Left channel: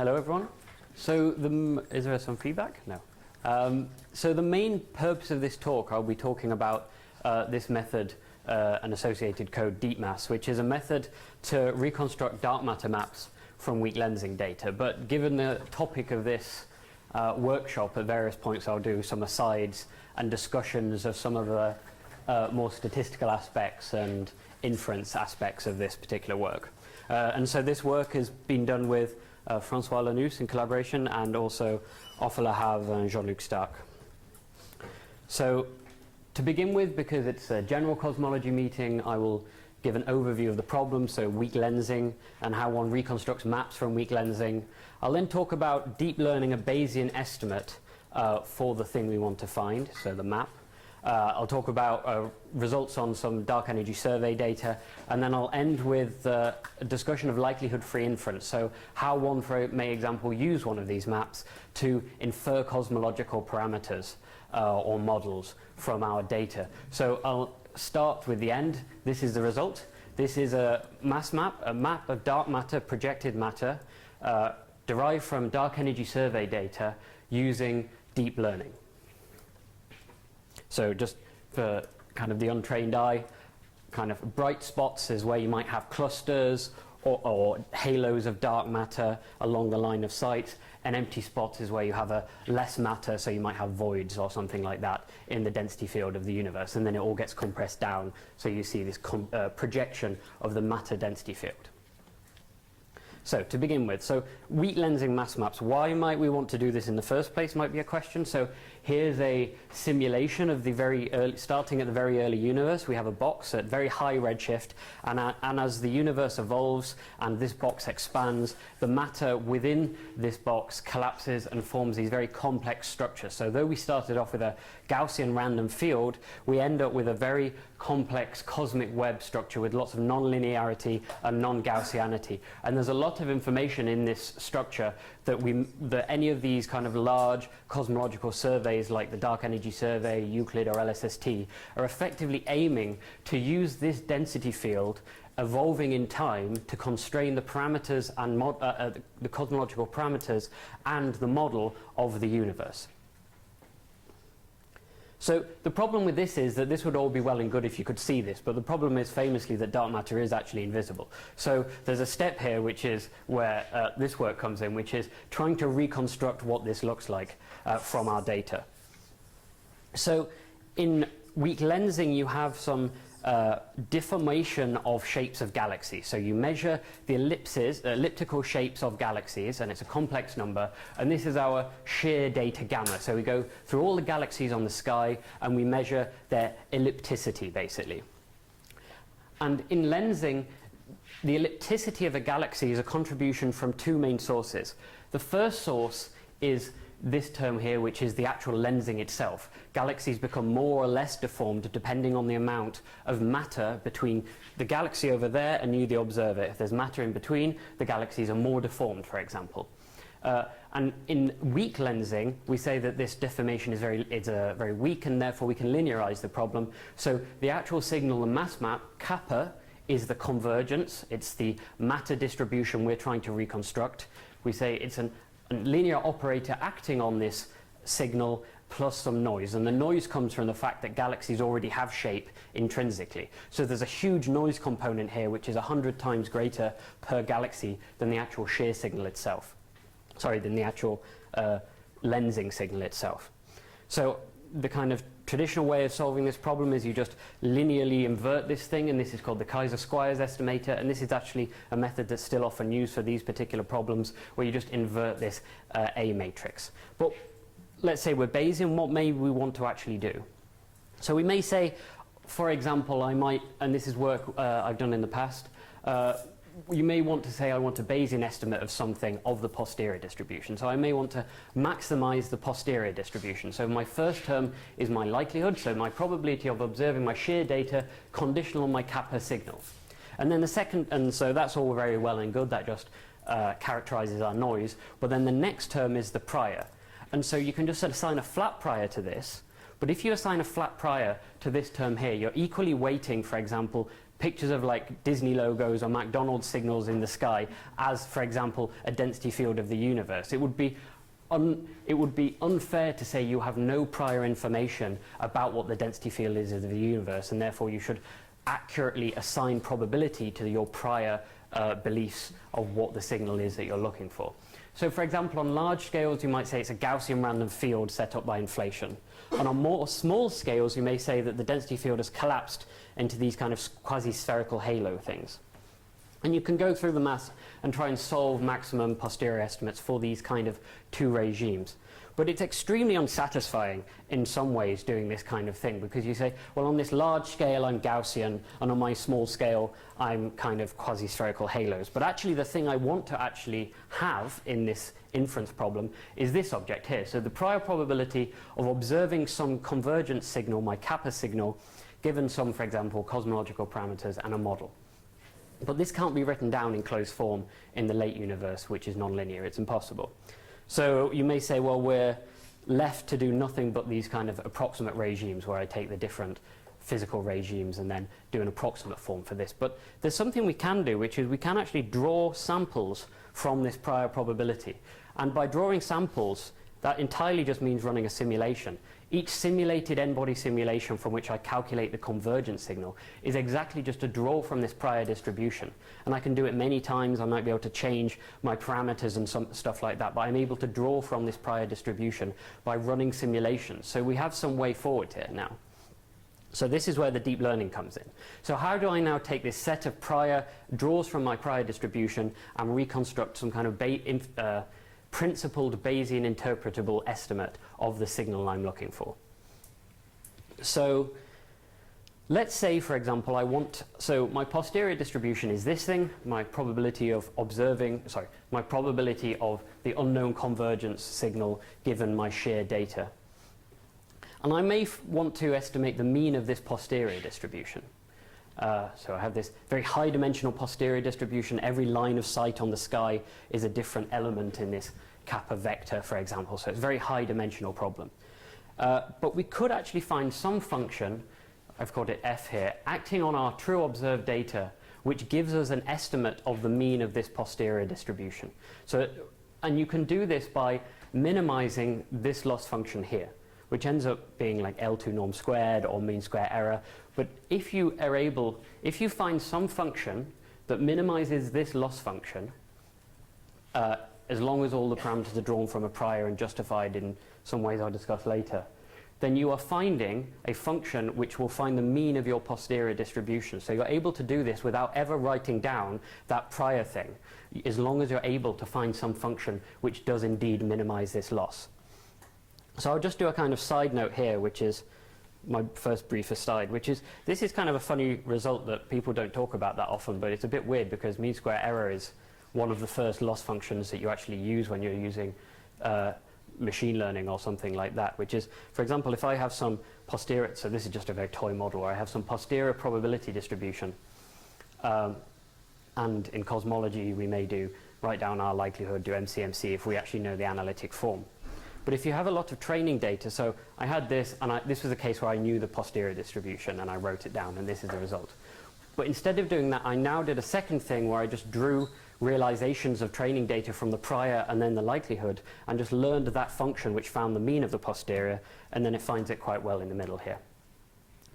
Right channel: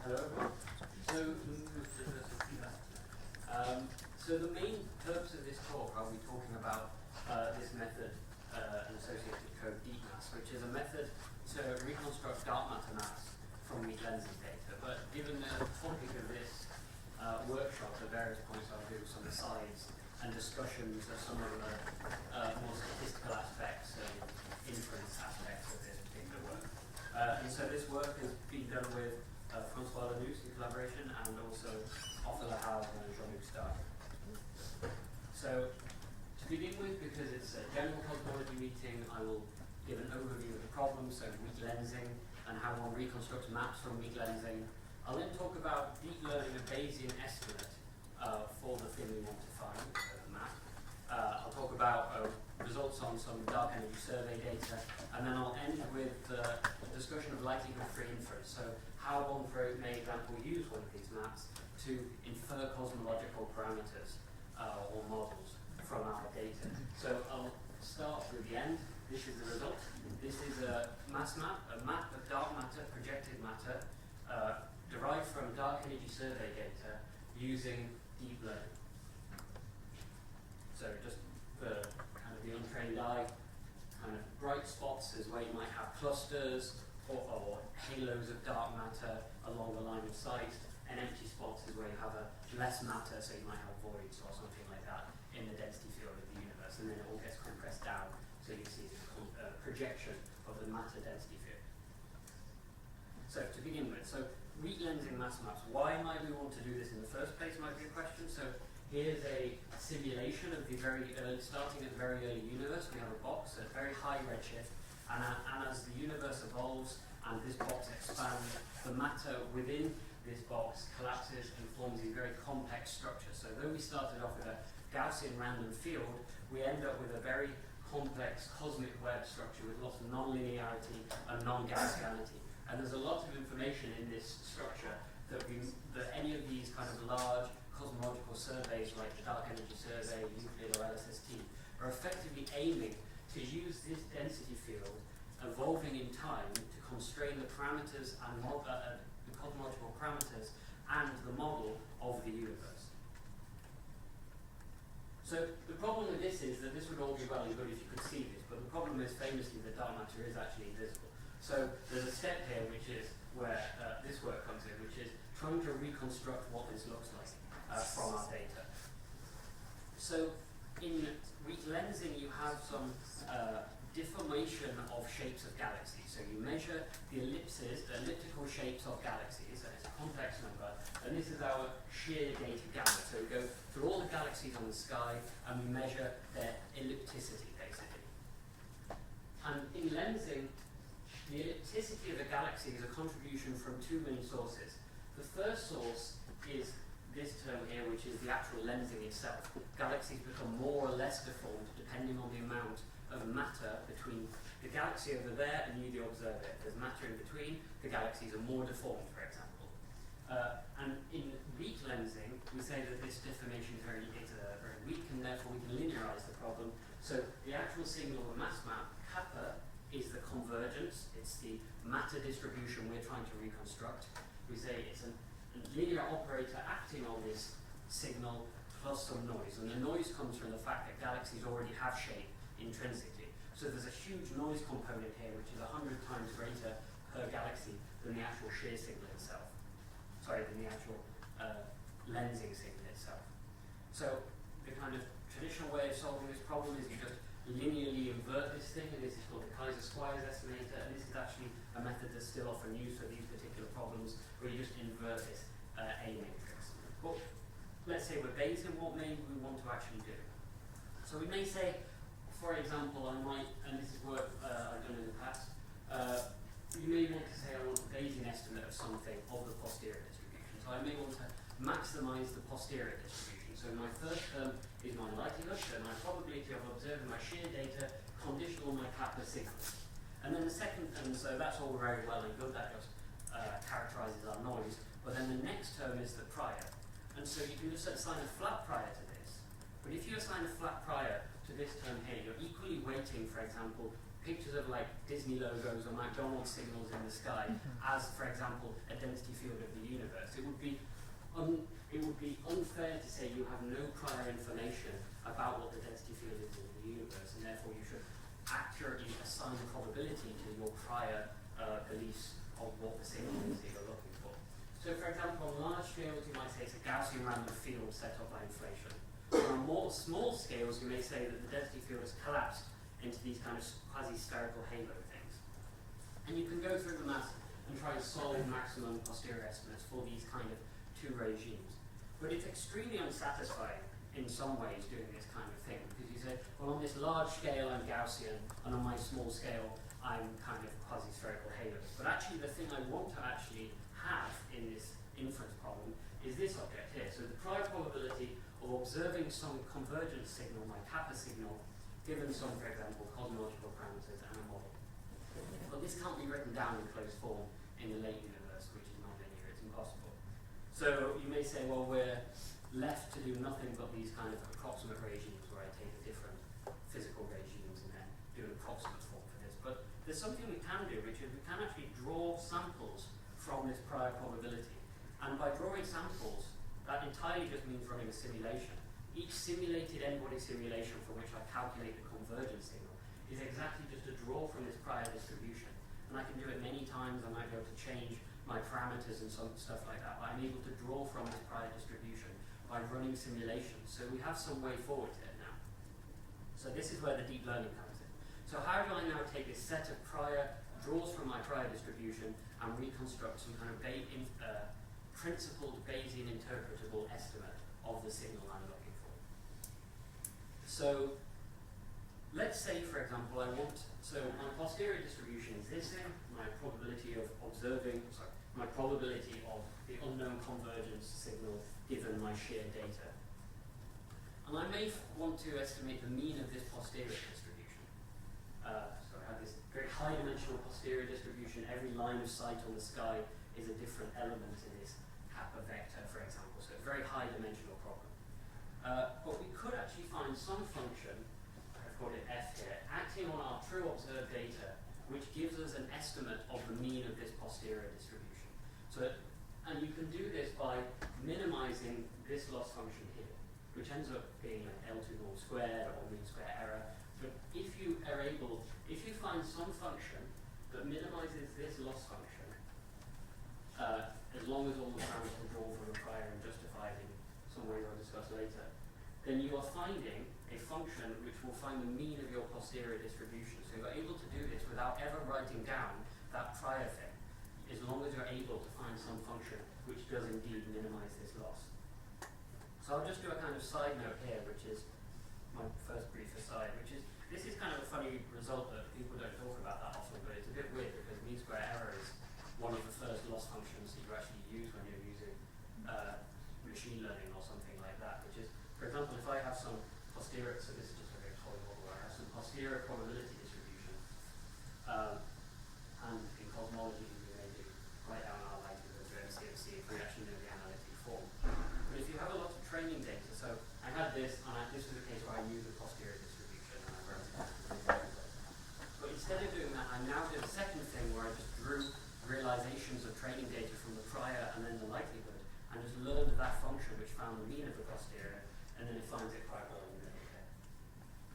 Hello everyone. So is there some feedback? No. So the main purpose of this talk, I'll be talking about this method and associated code, DeepMass, which is a method to reconstruct dark matter maps from weak lensing data. But given the topic of this workshop, at various points I'll do some asides and discussions of some of the more statistical aspects and inference aspects of this particular work. And so this work has been done with François Lanus in collaboration, and also Ofer Lahav and Jean-Luc Stark. So to begin with, because it's a general cosmology meeting, I will give an overview of the problem, so weak lensing and how one reconstructs maps from weak lensing. I'll then talk about deep learning a Bayesian estimate for the thing we want to find, so the map. I'll talk about results on some dark energy survey data, and then I'll end with a discussion of likelihood-free inference, so how one, for example, use one of these maps to infer cosmological parameters or models from our data. So I'll start with the end. This is the result. This is a mass map, a map of dark matter, projected matter, derived from dark energy survey data using deep learning. So just for kind of the untrained eye, kind of bright spots is where you might have clusters or halos of dark matter along the line of sight, and empty spots is where you have a less matter, so you might have voids or something like that in the density field of the universe, and then it all gets compressed down, so you see this projection of the matter density field. So to begin with, so weak lensing mass maps, why might we want to do this in the first place might be a question. So here's a simulation of the very early, starting at the very early universe. We have a box at very high redshift, and as the universe evolves and this box expands, the matter within this box collapses and forms these very complex structures. So though we started off with a Gaussian random field, we end up with a very complex cosmic web structure with lots of non-linearity and non-Gaussianity. And there's a lot of information in this structure that any of these kind of large cosmological surveys like the Dark Energy Survey, Euclid or LSST are effectively aiming to use this density field evolving in time to constrain the parameters and the cosmological parameters and the model of the universe. So the problem with this is that this would all be well and good if you could see this, but the problem is famously that dark matter is actually invisible. So there's a step here which is where this work comes in, which is trying to reconstruct what this looks like from our data. So in weak lensing you have some deformation of shapes of galaxies. So you measure the elliptical shapes of galaxies, and it's a complex number, and this is our shear data gamma. So we go through all the galaxies on the sky and we measure their ellipticity basically. And in lensing, the ellipticity of a galaxy is a contribution from two main sources. The first source is this term here, which is the actual lensing itself. Galaxies become more or less deformed depending on the amount of matter between the galaxy over there and you, the observer. If there's matter in between, the galaxies are more deformed, for example. And in weak lensing, we say that this deformation is very weak, and therefore we can linearize the problem. So the actual signal, the mass map, kappa, is the convergence. It's the matter distribution we're trying to reconstruct. We say it's a linear operator acting on this signal plus some noise, and the noise comes from the fact that galaxies already have shape intrinsically. So there's a huge noise component here which is 100 times greater per galaxy than the actual shear signal itself. Sorry, than the actual lensing signal itself. So the kind of traditional way of solving this problem is you just linearly invert this thing, and this is called the Kaiser-Squires estimator, and this is actually a method that's still often used for these particular problems, where you just invert this A matrix. But let's say we're Bayesian, what may we want to actually do? So we may say, for example, I might, and this is work I've done in the past, you may want to say I want a Bayesian estimate of something of the posterior distribution. So I may want to maximize the posterior distribution. So my first term is my likelihood, so my probability of observing my shear data conditional on my kappa signal. And then the second, and so that's all very well and good, that just characterizes our noise. But then the next term is the prior. And so you can just assign a flat prior to this, but if you assign a flat prior to this term here, you're equally weighting, for example, pictures of like Disney logos or McDonald's signals in the sky as, for example, a density field of the universe. It would be unfair to say you have no prior information about what the density field is of the universe, and therefore you should accurately assign probability to your prior beliefs of what the signal is that you're looking for. So for example, on large scales, you might say it's a Gaussian random field set up by inflation. And on more small scales, you may say that the density field has collapsed into these kind of quasi-spherical halo things. And you can go through the maths and try and solve maximum posterior estimates for these kind of two regimes. But it's extremely unsatisfying in some ways doing this kind of thing, because you say, well, on this large scale I'm Gaussian, and on my small scale I'm kind of quasi-spherical halos. But actually the thing I want to actually have in this inference problem is this object here. So the prior probability of observing some convergence signal, my kappa signal, given some, for example, cosmological parameters and a model. But this can't be written down in closed form in the late universe, which is nonlinear. It's impossible. So you may say, well, we're left to do nothing but these kind of approximate regimes where I take the different physical regimes and then do an approximate form for this. But there's something we can do, which is we can actually draw samples from this prior probability. And by drawing samples, that entirely just means running a simulation. Each simulated n-body simulation from which I calculate the convergence signal is exactly just a draw from this prior distribution. And I can do it many times. I might be able to change my parameters and some stuff like that, but I'm able to draw from this prior distribution by running simulations. So we have some way forward here now. So this is where the deep learning comes in. So how do I now take this set of prior draws from my prior distribution and reconstruct some kind of principled Bayesian interpretable estimate of the signal I'm looking for? So let's say, for example, so my posterior distribution is this thing, my probability of my probability of the unknown convergence signal given my shear data. And I may want to estimate the mean of this posterior distribution. So I have this very high dimensional posterior distribution. Every line of sight on the sky is a different element in this kappa vector, for example. So it's a very high dimensional problem. But we could actually find some function, I've called it f here, acting on our true observed data, which gives us an estimate of the mean of this posterior distribution. So, and you can do this by minimizing this loss function here, which ends up being like L2 norm squared or mean square error. But if you find some function that minimizes this loss function, as long as all the parameters are drawn from a prior and justified in some ways I'll discuss later, then you are finding a function which will find the mean of your posterior distribution. So you're able to do this without ever writing down that prior thing, as long as you're able to find some function which does indeed minimize this loss. So I'll just do a kind of side note here, which is my first brief aside, which is this is kind of a funny result that people don't talk about that often, but it's a bit weird because mean square error is one of the first loss functions that you actually use when you're using machine learning or something like that, which is, for example, if I have some posterior, so this is just a very toy model where I have some posterior probability distribution, and in cosmology we may write down our likelihood, do MCMC if we actually know the analytic form. But if you have a lot of training data, so I had this, and this was a case where I knew the posterior distribution and I wrote it down, and this is the result. But instead of doing that, I now did a second thing where I just drew realizations of training data from the prior and then the likelihood, and just learned that function which found the mean of the posterior, and then it finds it quite well in the middle here.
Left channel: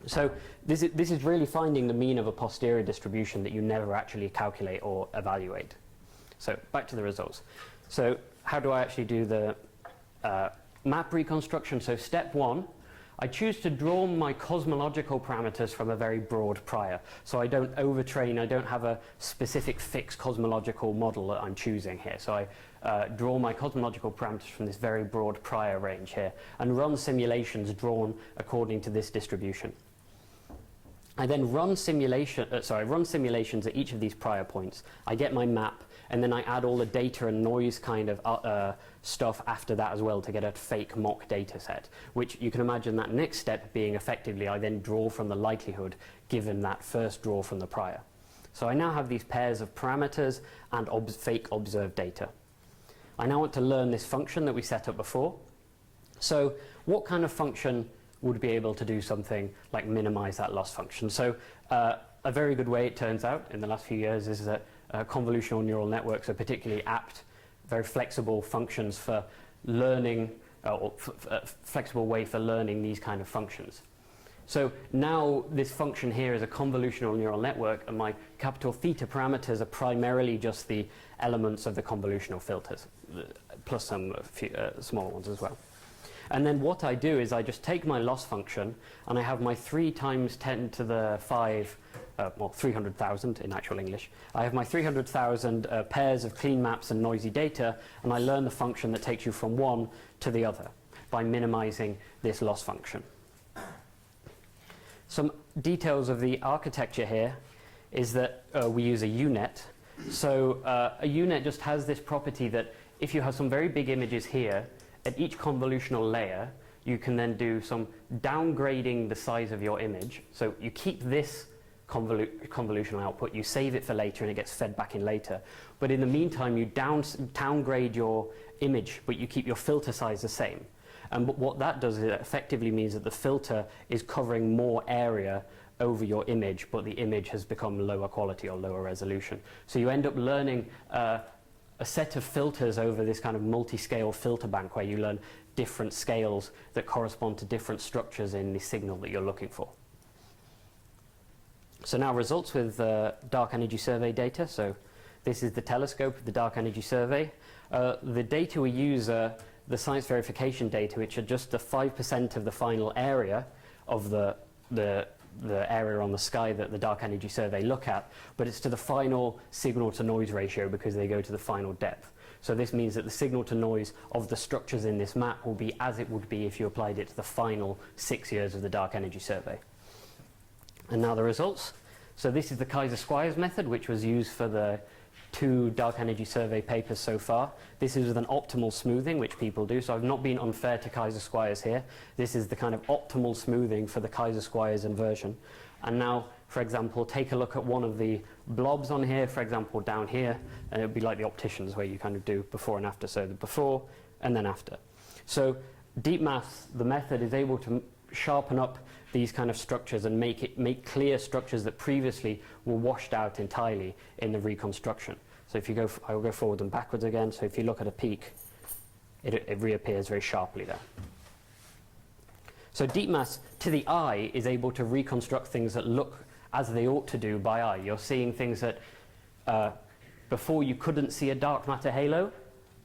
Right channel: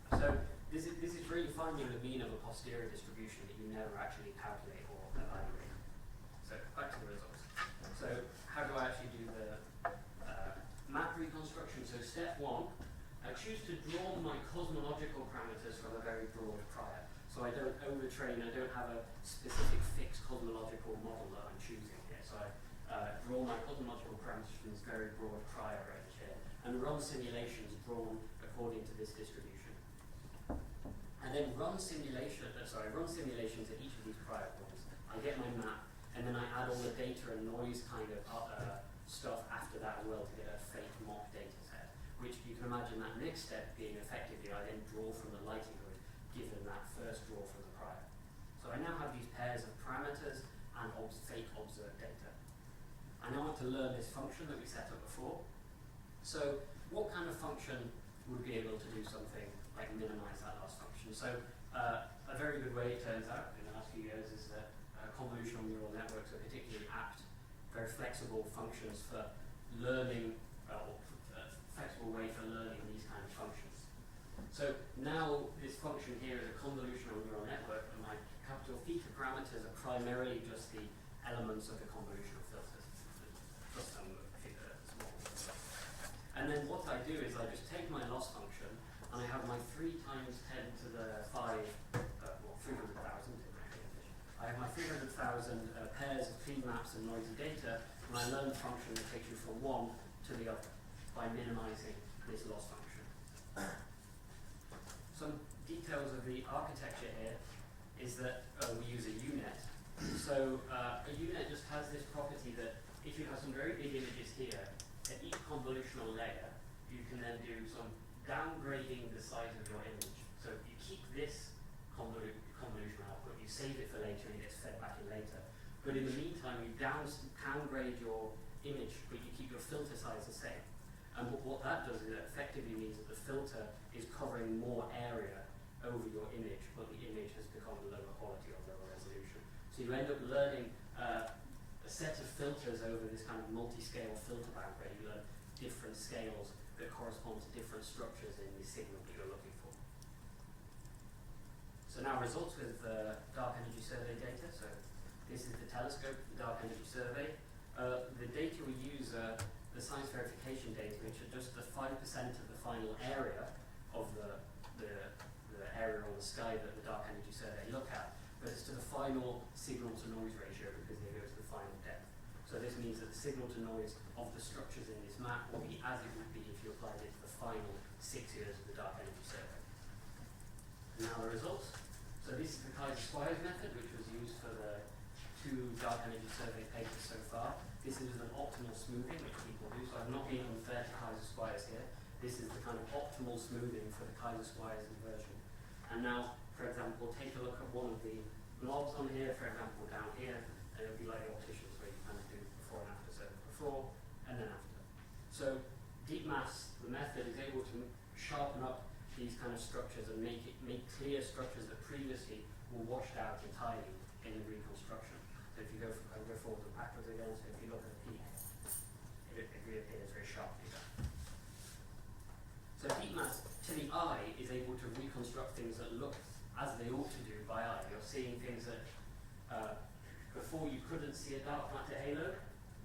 So this is really finding the mean of a posterior distribution that you never actually calculate or evaluate. So back to the results. So how do I actually do the map reconstruction? So step one, I choose to draw my cosmological parameters from a very broad prior. So I don't overtrain, I don't have a specific fixed cosmological model that I'm choosing here. So I draw my cosmological parameters from this very broad prior range here and run simulations drawn according to this distribution. I then run simulations at each of these prior points. I get my map, and then I add all the data and noise kind of stuff after that as well to get a fake mock data set, which you can imagine that next step being effectively I then draw from the likelihood given that first draw from the prior. So I now have these pairs of parameters and fake observed data. I now want to learn this function that we set up before. So what kind of function would be able to do something like minimize that loss function? So a very good way, it turns out, in the last few years, is that convolutional neural networks are particularly apt, very flexible functions for learning, flexible way for learning these kind of functions. So now this function here is a convolutional neural network, and my capital theta parameters are primarily just the elements of the convolutional filters, plus some few, smaller ones as well. And then what I do is I just take my loss function, and I have my 3 times 10 to the 5, well, 300,000 in actual English. I have my 300,000 pairs of clean maps and noisy data, and I learn the function that takes you from one to the other by minimizing this loss function. Some details of the architecture here is that we use a UNet. So a UNet just has this property that if you have some very big images here, at each convolutional layer, you can then do some downgrading the size of your image. So you keep this convolutional output, you save it for later, and it gets fed back in later. But in the meantime, you downgrade your image, but you keep your filter size the same. And what that does is it effectively means that the filter is covering more area over your image, but the image has become lower quality or lower resolution. So you end up learning a set of filters over this kind of multi-scale filter bank where you learn different scales that correspond to different structures in the signal that you're looking for. So now results with dark energy survey data. So this is the telescope of the dark energy survey. The data we use are the science verification data, which are just the 5% of the final area of the area on the sky that the dark energy survey look at, but it's to the final signal to noise ratio because they go to the final depth. So this means that the signal to noise of the structures in this map will be as it would be if you applied it to the final 6 years of the dark energy survey. And now the results. So this is the Kaiser-Squires method, which was used for the 2 dark energy survey papers so far. This is with an optimal smoothing, which people do. So I've not been unfair to Kaiser-Squires here. This is the kind of optimal smoothing for the Kaiser-Squires inversion. And now, for example, take a look at one of the blobs on here, for example, down here, and it would be like the opticians where you kind of do before and after, so the before and then after. So deep maths, the method, is able to sharpen up these kind of structures and make clear structures that previously were washed out entirely in the reconstruction. So if you go, I'll go forward and backwards again. So if you look at a peak, it reappears very sharply there. So deep maths, to the eye, is able to reconstruct things that look as they ought to do by eye. You're seeing things that before you couldn't see a dark matter halo,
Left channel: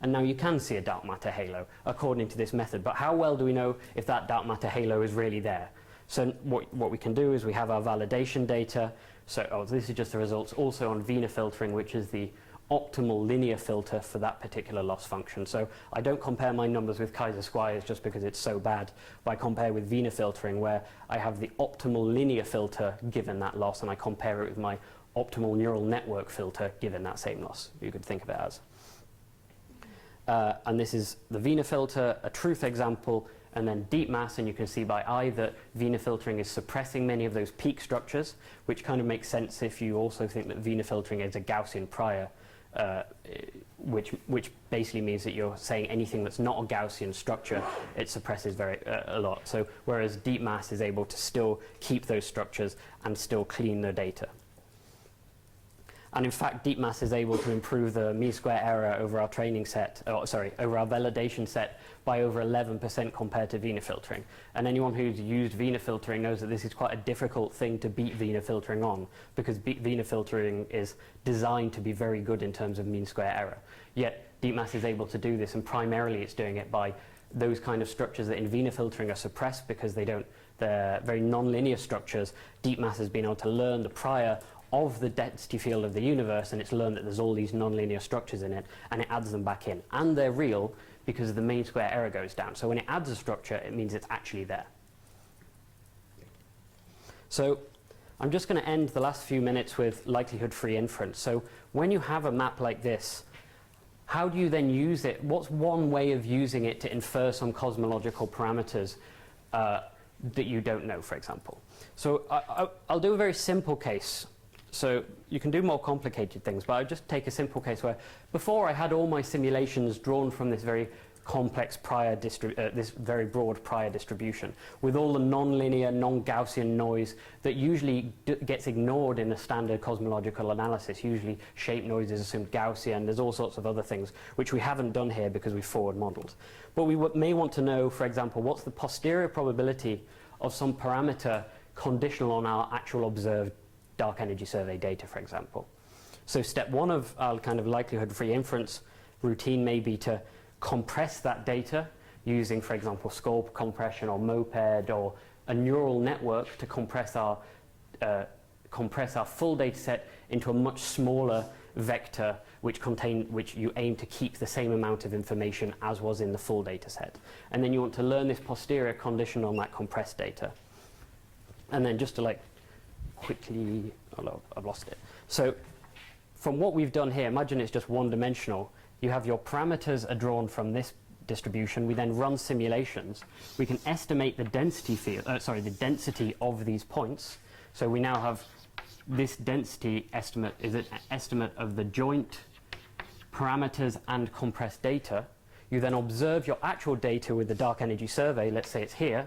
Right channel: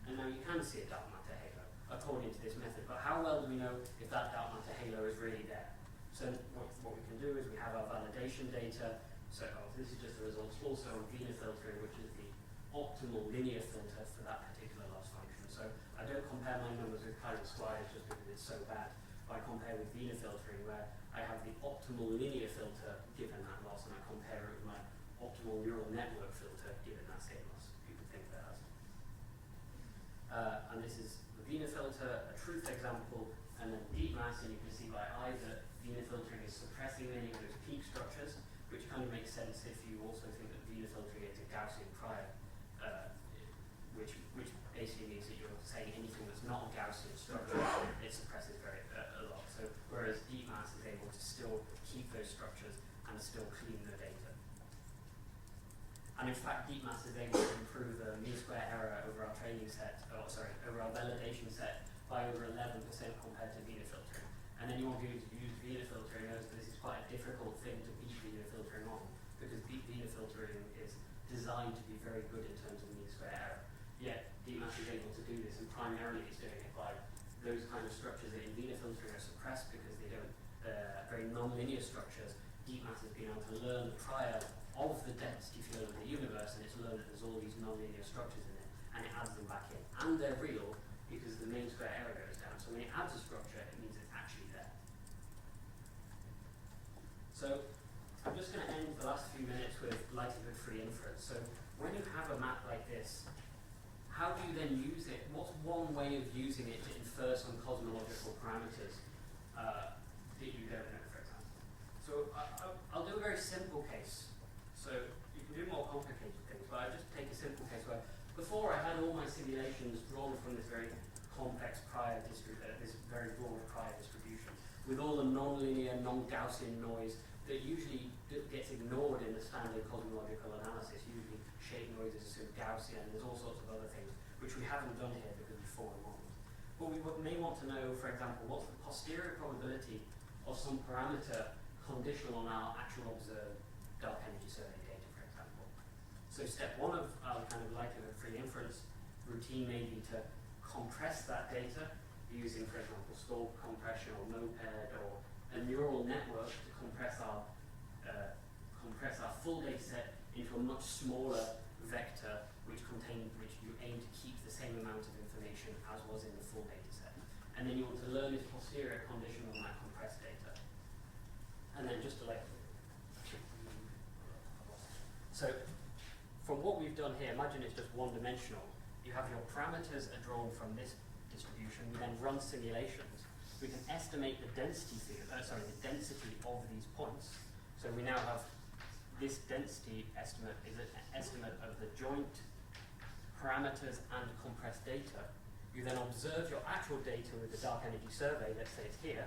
and now you can see a dark matter halo, according to this method. But how well do we know if that dark matter halo is really there? So what we can do is we have our validation data. So this is just the results also on Wiener filtering, which is the optimal linear filter for that particular loss function. So I don't compare my numbers with Kaiser-Squires just because it's so bad, but I compare with Wiener filtering where I have the optimal linear filter given that loss, and I compare it with my optimal neural network filter given that same loss, you could think of it as. And this is the Wiener filter, a truth example, and then deep mass, and you can see by eye that Wiener filtering is suppressing many of those peak structures, which kind of makes sense if you also think that Wiener filtering is a Gaussian prior, which basically means that you're saying anything that's not a Gaussian structure, it suppresses a lot. So whereas deep mass is able to still keep those structures and still clean the data. And in fact, deep mass is able to improve the mean square error over our training set, over our validation set by over 11% compared to Wiener filtering. And anyone who's used Wiener filtering knows that this is quite a difficult thing to beat Wiener filtering on, because Wiener filtering is designed to be very good in terms of mean square error. Yet deep mass is able to do this, and primarily it's doing it by those kind of structures that in Wiener filtering are suppressed because they're very non-linear structures. Deep mass has been able to learn the prior of the density field of the universe, and it's learned that there's all these non-linear structures in it, and it adds them back in. And they're real because the mean square error goes down. So when it adds a structure, it means it's actually there. So I'm just going to end the last few minutes with likelihood-free inference. So when you have a map like this, how do you then use it? What's one way of using it to infer some cosmological parameters that you don't know, for example? So I'll do a very simple case. So you can do more complicated things, but I'll just take a simple case where before I had all my simulations drawn from this very complex this very broad prior distribution with all the non-linear, non-Gaussian noise that usually gets ignored in a standard cosmological analysis. Usually shape noise is assumed Gaussian. There's all sorts of other things which we haven't done here because we forward modeled. But we may want to know, for example, what's the posterior probability of some parameter conditional on our actual observed dark energy survey data, for example. So step one of our kind of likelihood-free inference routine may be to compress that data using, for example, SCORP compression or MOPED or a neural network to compress our full data set into a much smaller vector which you aim to keep the same amount of information as was in the full data set. And then you want to learn this posterior condition on that compressed data. And then just to like quickly, oh no, I've lost it. So from what we've done here, imagine it's just one-dimensional. You have your parameters are drawn from this distribution. We then run simulations. We can estimate the density the density of these points. So we now have this density estimate is an estimate of the joint parameters and compressed data. You then observe your actual data with the dark energy survey. Let's say it's here.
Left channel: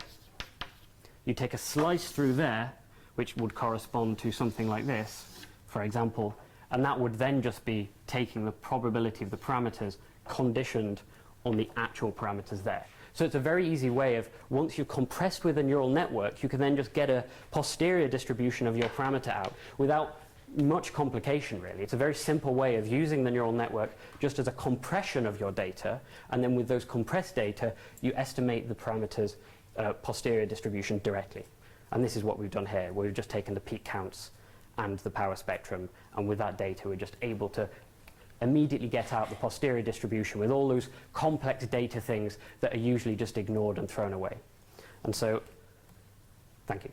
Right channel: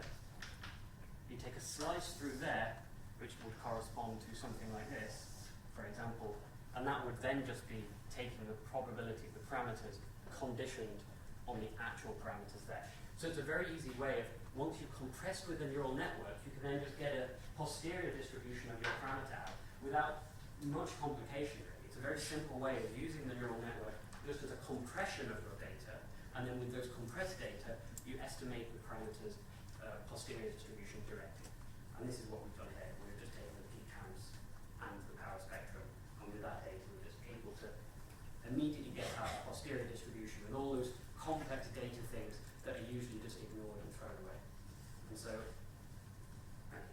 You take a slice through there, which would correspond to something like this, for example, and that would then just be taking the probability of the parameters conditioned on the actual parameters there. So it's a very easy way of, once you've compressed with a neural network, you can then just get a posterior distribution of your parameter out without much complication, really. It's a very simple way of using the neural network just as a compression of your data, and then with those compressed data, you estimate the parameters posterior distribution directly. And this is what we've done here. We've just taken the peak counts and the power spectrum, and with that data, we're just able to immediately get out the posterior distribution with all those complex data things that are usually just ignored and thrown away. And so, thank you.